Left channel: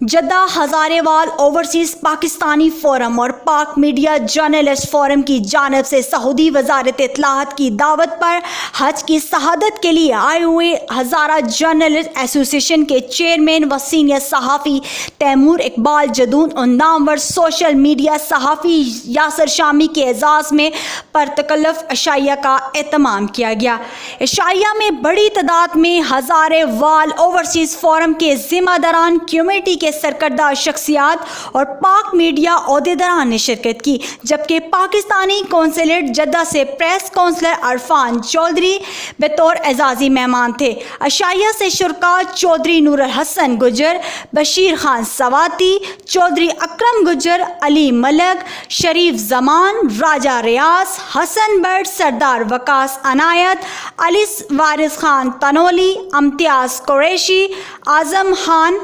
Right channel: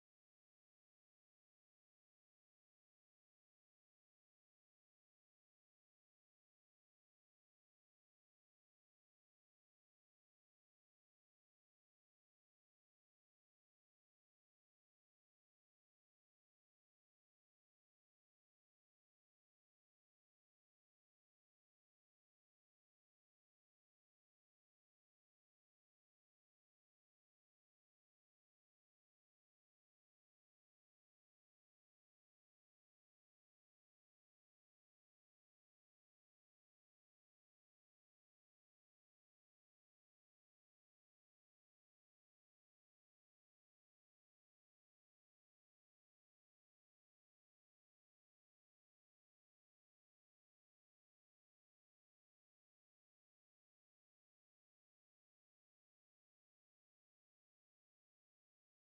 Jeddah हजारेवाल overseas Pakistani forum और पाक media journalist forum की जानिब से सऊदी वजारत इत्तलाआत की दावत पर हज की शहादत के लिए आए हुए हज़ारा जर्नलिस्ट एसोसिएशन के चेयरमैन व सीनियर सहाफ़ी तैमूर इकबाल जदून और नामवर सोशल मीडिया सहाफ़ी यासर शामी के एजाज़ में परतकल्लुफ़ अशाइया का एहतमाम किया गया। अशाइया में बड़ी तादाद में हजारेवाल ओवरसीज़ फोरम के ज़िम्मेदारान, कमेटी के सरकर्दा शख्सियात और पाक मीडिया ओहदेदारान ने शिरकत की, जबकि पाकिस्तानी कौंसलेट जद्दा से प्रेस काउंसलर अरफान चौधरी बतौर एजाजी मेहमान थे। अशाइया से शुरका चौधरी नूर हसन गुजर, बशीर खान सवाती, चौधरी अकरम गुजर, अली मलक, शरीफ जमान, राजा रियाज, हसन बट, सरदार वकास अनायत, अली वारिस खान तनोली, इम्तियाज कुरैशी, आजम खान,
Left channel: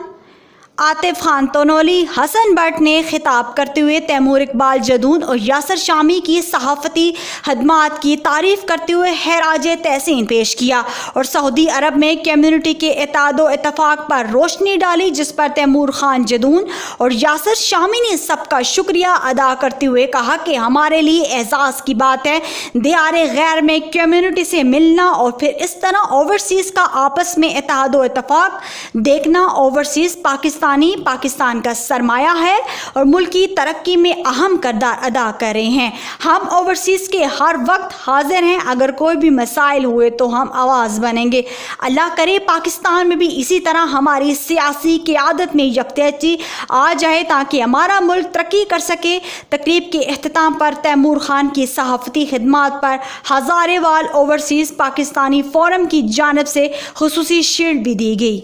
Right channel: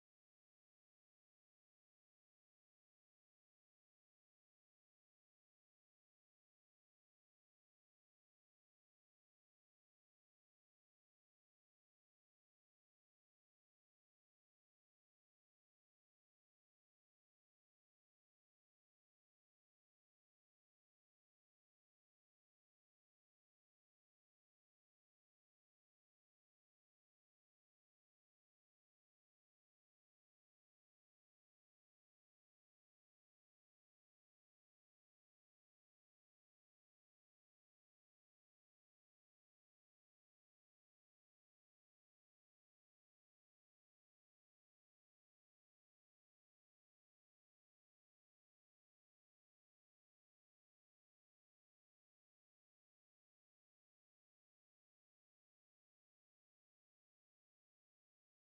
आतिफ खान तनोली, हसन बट ने खिताब करते हुए तैमूर इकबाल जदून और यासर शामी की सहाफ़ती खदमात की तारीफ़ करते हुए खराज तहसीन पेश किया और सऊदी अरब में कम्युनिटी के इत्तेहाद इत्तफ़ाक़ पर रोशनी डाली, जिस पर तैमूर खान जदून और यासर शामी ने सबका शुक्रिया अदा करते हुए कहा कि हमारे लिए एजाज़ की बात है दियार गैर में कम्युनिटी से मिलना और फिर इस तरह ओवरसीज़ का आपस में इत्तेहाद इत्तफ़ाक़ देखना। ओवरसीज़ पाकिस्तान का सरमाया है और मुल्क की तरक्की में अहम किरदार अदा कर रहे हैं। हम ओवरसीज़ के हर वक्त हाजिर हैं, अगर कोई भी मसाइल हुए तो हम आवाज़ बनेंगे। अल्लाह करे पाकिस्तान में भी इसी तरह हमारी सियासी क़यादत में यकजहती आ जाए ताकि हमारा मुल्क तरक्की कर सके। तकरीब के अख्ताम पर तैमूर खान की सहाफ़ती खिदमात पर हजारेवाल ओवरसीज़ पाकिस्तानी फोरम की जानिब से खुसूसी शील्ड भी दी गई।